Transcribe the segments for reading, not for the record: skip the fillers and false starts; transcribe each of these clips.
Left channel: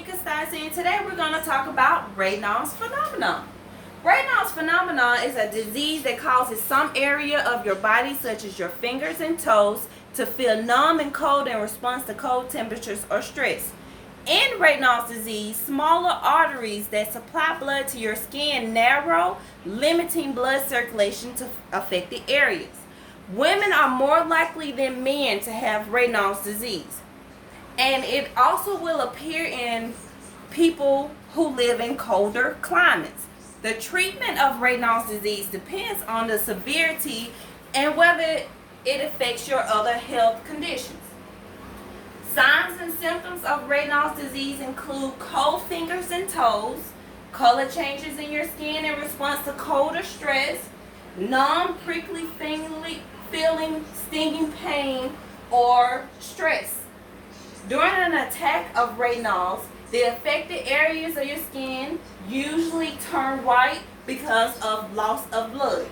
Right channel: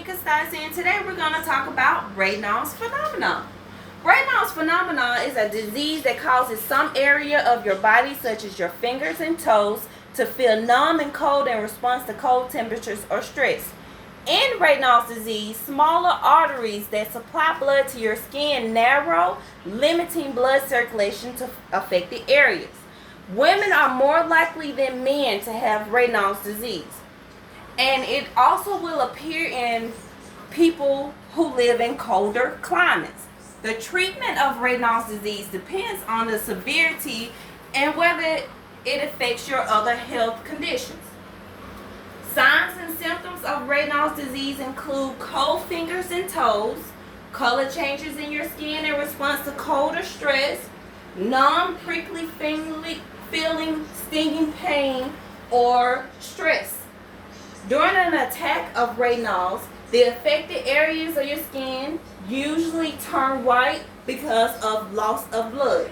Tamika Stiles, and today we're going to talk about Raynaud's phenomenon. Raynaud's phenomenon is a disease that causes some area of your body, such as your fingers and toes, to feel numb and cold in response to cold temperatures or stress. In Raynaud's disease, smaller arteries that supply blood to your skin narrow, limiting blood circulation to affected areas. Women are more likely than men to have Raynaud's disease. And it also will appear in people who live in colder climates. The treatment of Raynaud's disease depends on the severity and whether it affects your other health conditions. Signs and symptoms of Raynaud's disease include cold fingers and toes, color changes in your skin in response to cold or stress, numb, prickly feeling, stinging pain, or stress. During an attack of Raynaud's, the affected areas of your skin usually turn white because of loss of blood.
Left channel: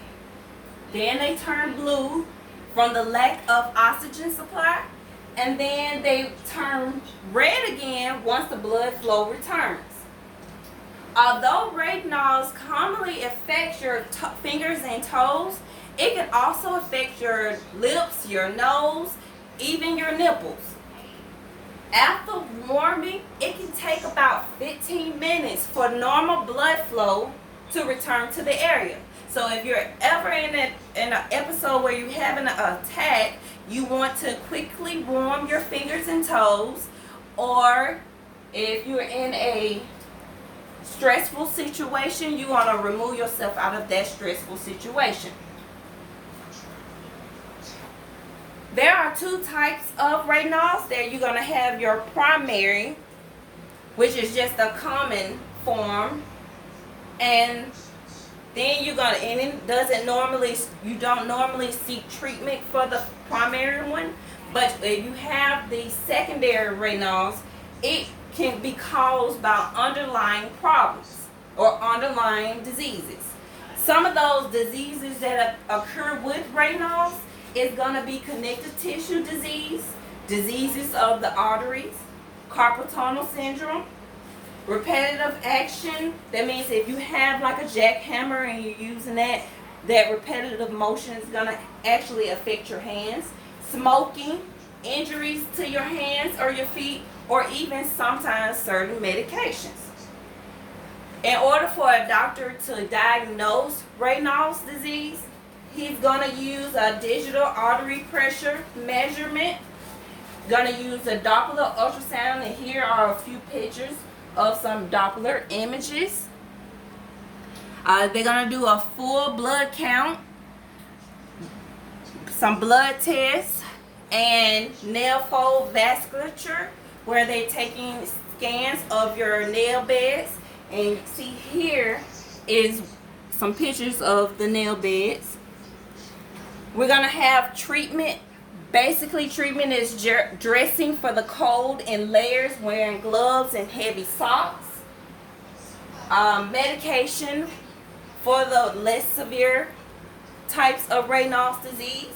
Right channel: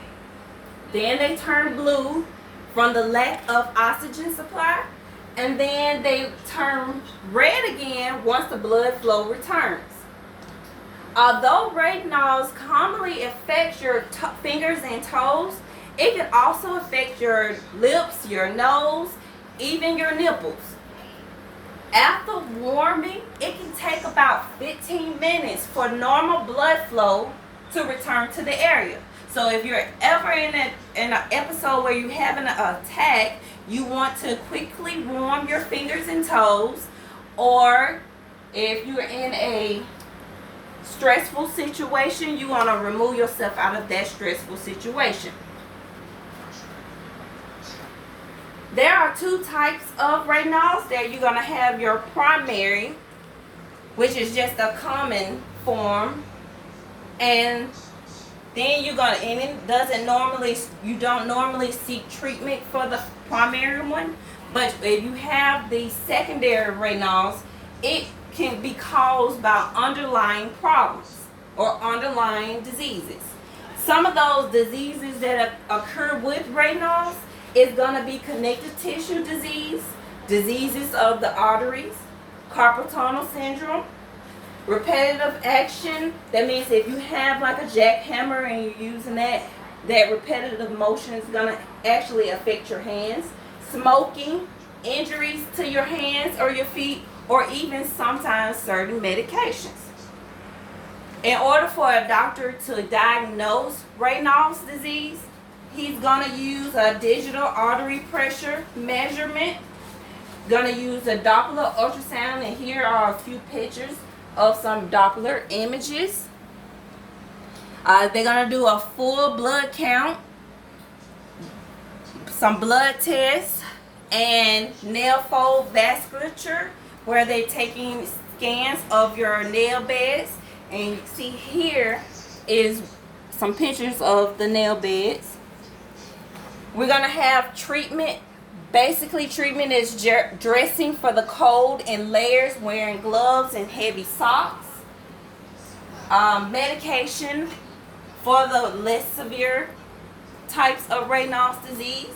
Then they turn blue from the lack of oxygen supply, and then they turn red again once the blood flow returns. Although Raynaud's commonly affects your fingers and toes, it can also affect your lips, your nose, even your nipples. After warming, it can take about 15 minutes for normal blood flow to return to the area. So if you're ever in an episode where you're having an attack, you want to quickly warm your fingers and toes, or if you're in a stressful situation, you want to remove yourself out of that stressful situation. There are two types of Raynaud's. There you're going to have your primary, which is just a common form, and then you're going to, and it doesn't normally, you don't normally seek treatment for the primary one, but if you have the secondary Raynaud's, it can be caused by underlying problems or underlying diseases. Some of those diseases that occur with Raynaud's is going to be connective tissue disease, diseases of the arteries, carpal tunnel syndrome, repetitive action. That means if you have like a jackhammer and you're using that repetitive motion is going to actually affect your hands. Smoking, injuries to your hands or your feet, or even sometimes certain medications. In order for a doctor to diagnose Raynaud's disease, he's going to use a digital artery pressure measurement, going to use a Doppler ultrasound, and here are a few pictures of some Doppler images. They're going to do a full blood count, some blood tests, and nail fold vasculature, where they're taking scans of your nail beds. And you see here is some pictures of the nail beds. We're going to have treatment. Basically, treatment is dressing for the cold in layers, wearing gloves and heavy socks. Medication for the less severe types of Raynaud's disease.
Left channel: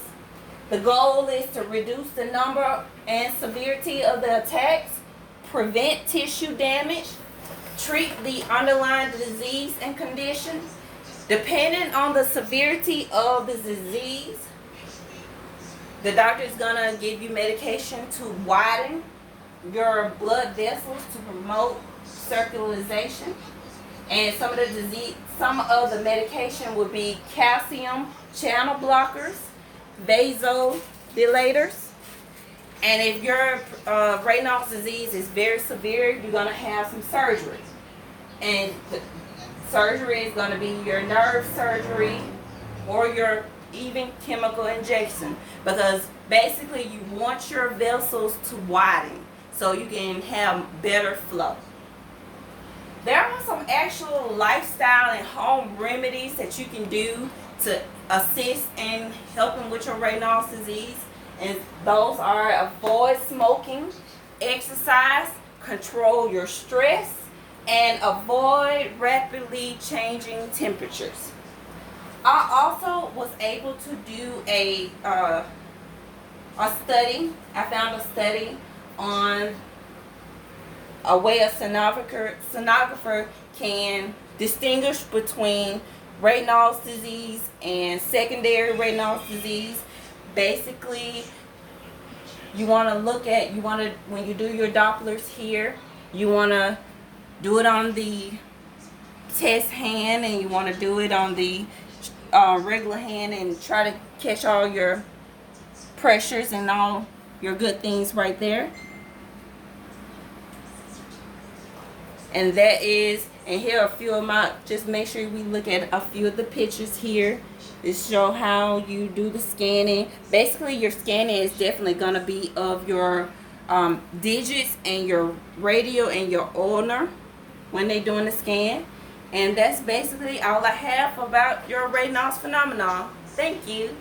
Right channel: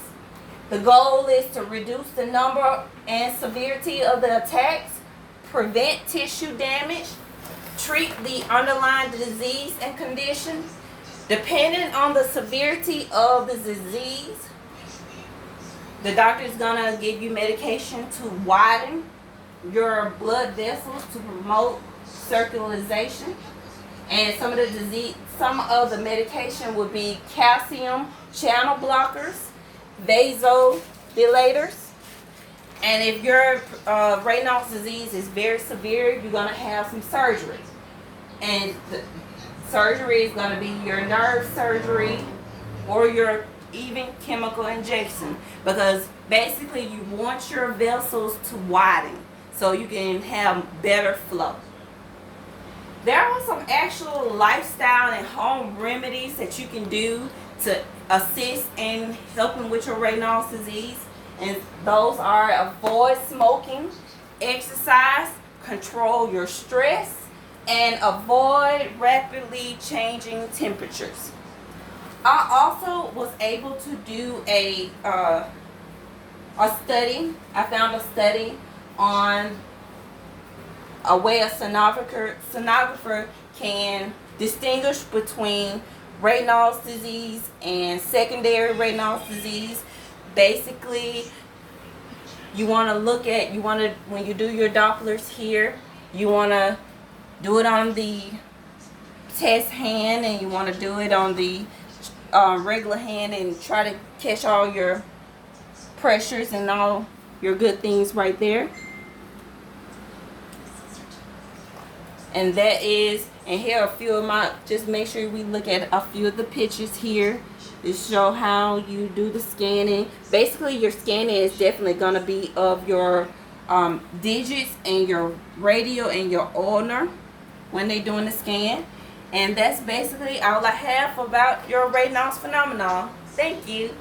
The goal is to reduce the number and severity of the attacks, prevent tissue damage, treat the underlying disease and condition. Depending on the severity of the disease, the doctor is going to give you medication to widen your blood vessels to promote circulation. And some of the medication would be calcium channel blockers, vasodilators. And if your Raynaud's disease is very severe, you're going to have some surgery. And the surgery is going to be your nerve surgery or your even chemical injection, because basically you want your vessels to widen so you can have better flow. There are some actual lifestyle and home remedies that you can do to assist in helping with your Raynaud's disease, and those are avoid smoking, exercise, control your stress, and avoid rapidly changing temperatures. I also was able to do a study. I found a study on a way a sonographer can distinguish between Raynaud's disease and secondary Raynaud's disease. Basically, you want to when you do your Dopplers here, you want to do it on the test hand, and you want to do it on the regular hand, and try to catch all your pressures and all your good things right there. And here are a few of my, just make sure we look at a few of the pictures here to show how you do the scanning. Basically, your scanning is definitely going to be of your digits and your radial and your ulnar when they're doing the scan. And that's basically all I have about your Raynaud's phenomenon. Thank you.